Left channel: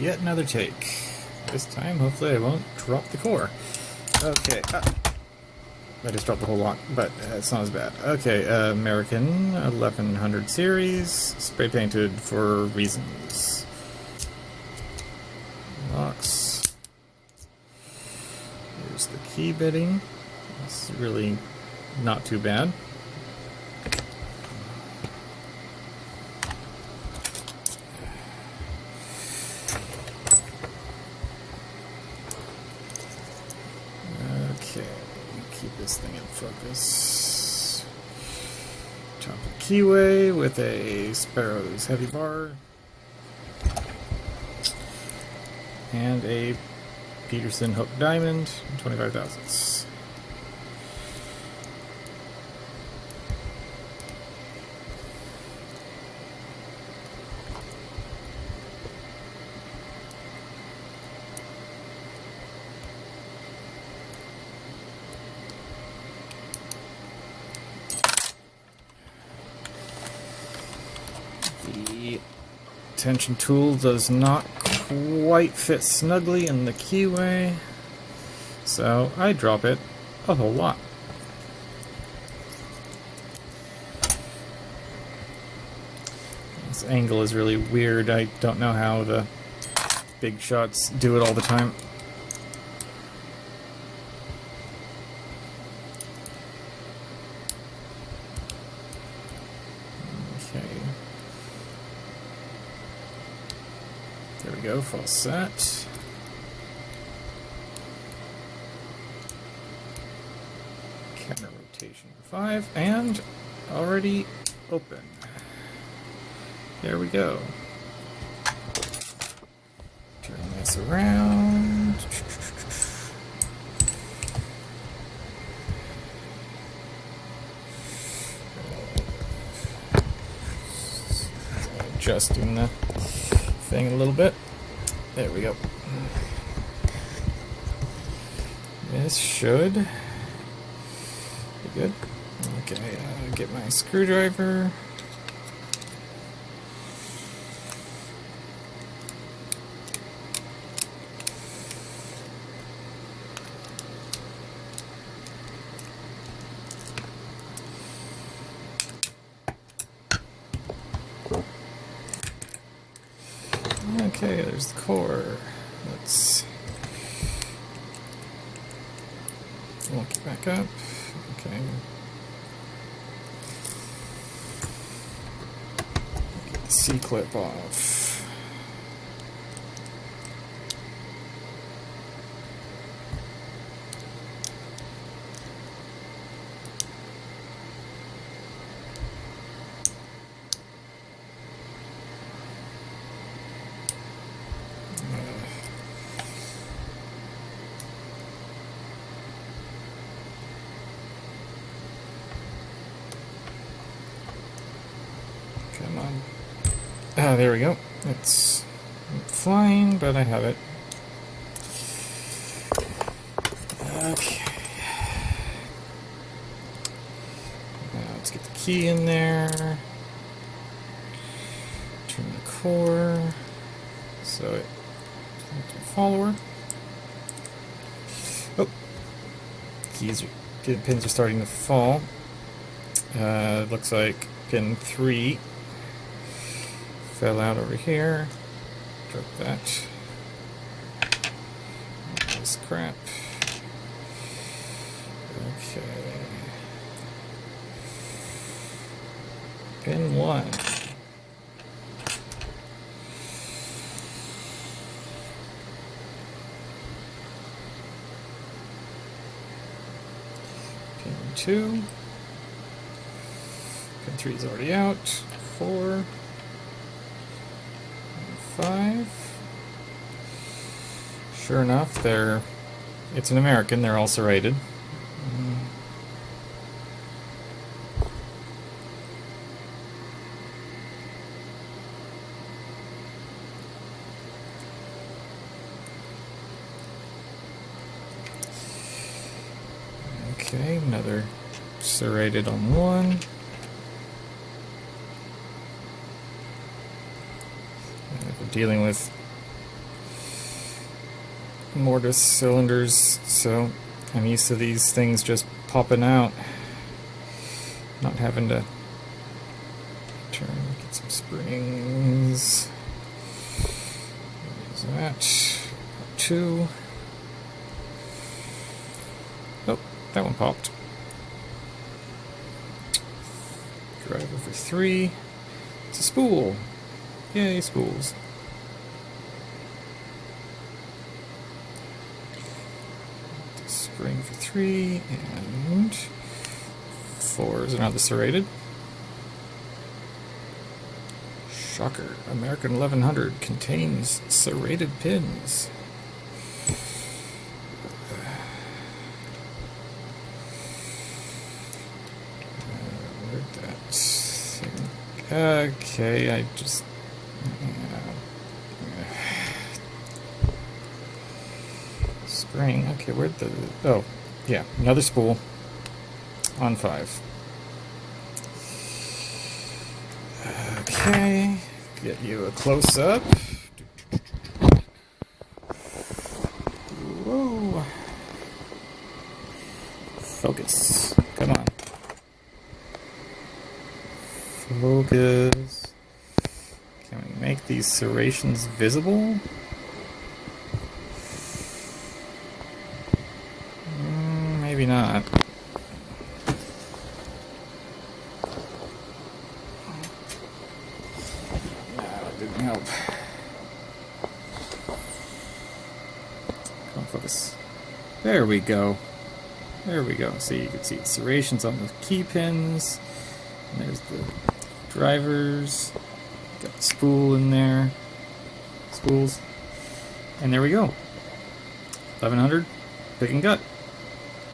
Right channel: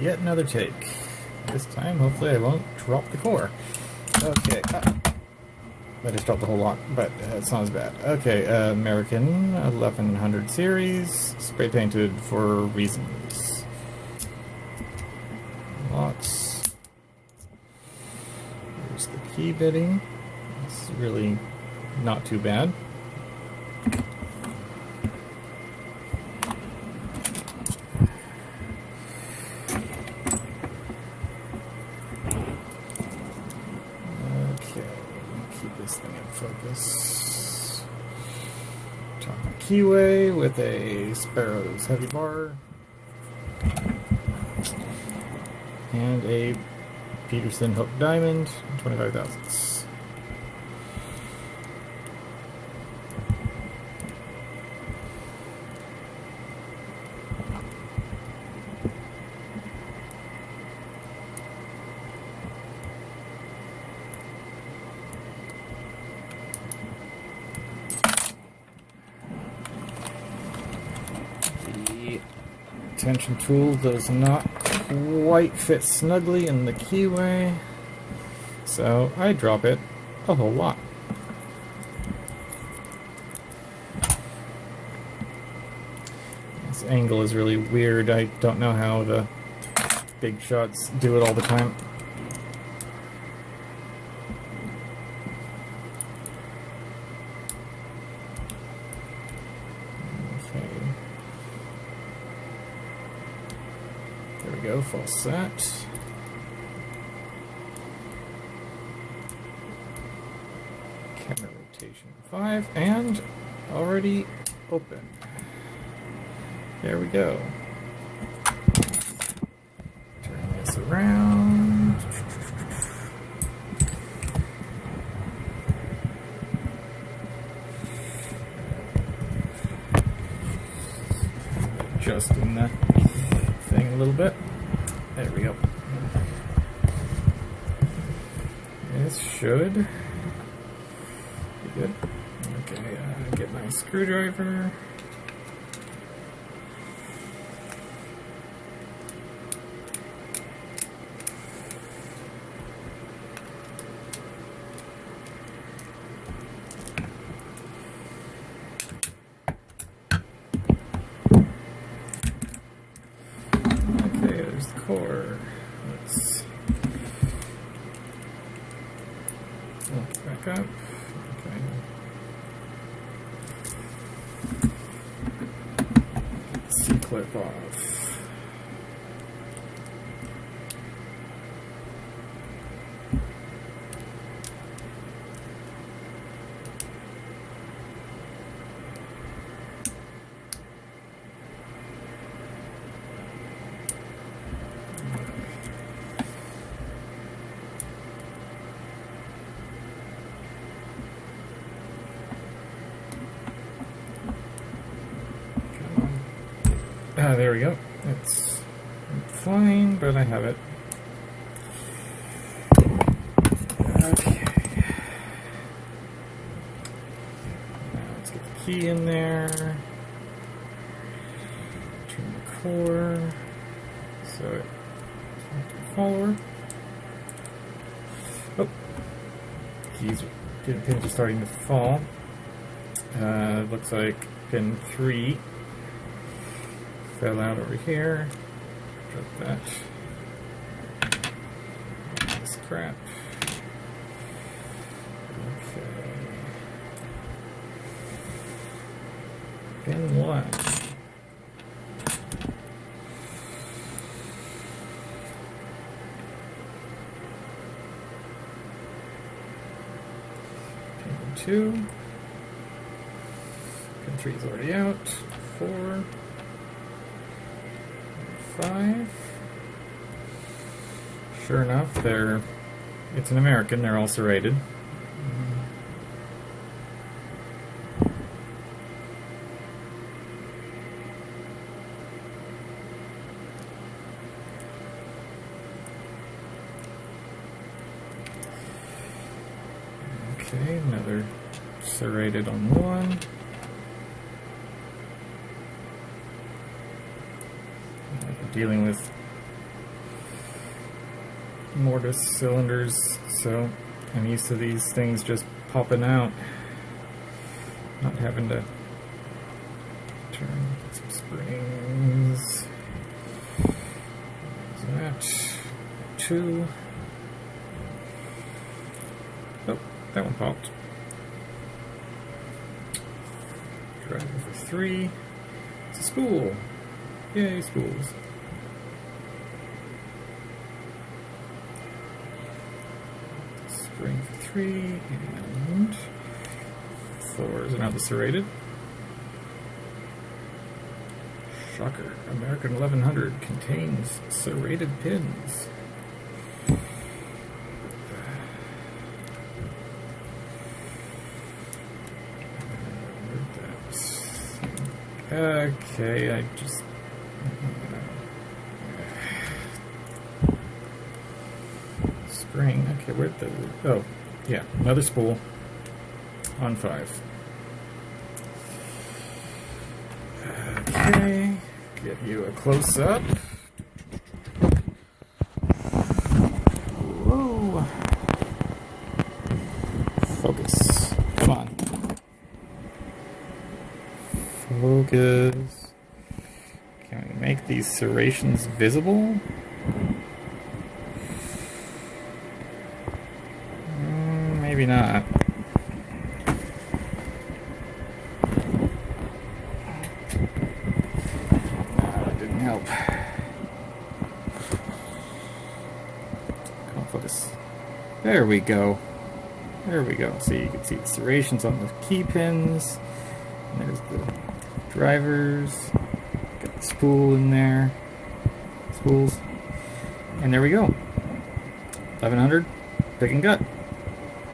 Yet another take. This time, hopefully I won't drop the core. Okay. I just dropped the whole lot, but it's not as bad. Okay, American 1100 series, spray painted for reasons. Locks. Here's the key bitting. It's really not too bad. Okay, keep this thing in focus. Chocolate keyway with a Sparrow's heavy bar. And a Peterson hook diamond, 25 thousandths. The tension tool does not quite fit snugly in the keyway, so I drop it a whole lot. This angle is really weird. I don't know how the big shots do it all the time. Okay. There we go, full set. Camera rotation 5, and already open. There we go. Turn this around. Adjusting the thing a little bit. There we go. This should be good. Okay, get my screwdriver. Okay, there's the core. Let's look back up. Okay. Get the C-clip off. Ah, there we go. It's flying, but I have it. Okay. Let's get the key in there. Turn the core. So it follower. Oh, pins are starting to fall. Looks like pin 3 fell out over here. Drop that. This crap. Okay. Pin 1. Pin 2. Pin 3 is already out. 4. 5. Sure enough, it's an American, they're all serrated. Okay, another serrated on one. Dealing with mortise cylinders, so I'm used to these things just popping out, not having to turn, get some springs. There's that. 2. Oh, that one popped. Driver for 3. It's a spool. Yay, spools. Spring for 3, and 4s are now the serrated. Shocker. American 1100 contains serrated pins. Okay, I just... spring. Okay, where'd the... Oh, yeah, another spool on 5. Okay, get you a close-up. Whoa. Focus. Come on. Focus. Can we make these serrations visible? Maybe not. That didn't help. Come on, focus. There we go. There we go. So you can see the serrations on the key pins. And there's the drivers. Got the spool in there. Spools. And there we go. 1100 pick and gut.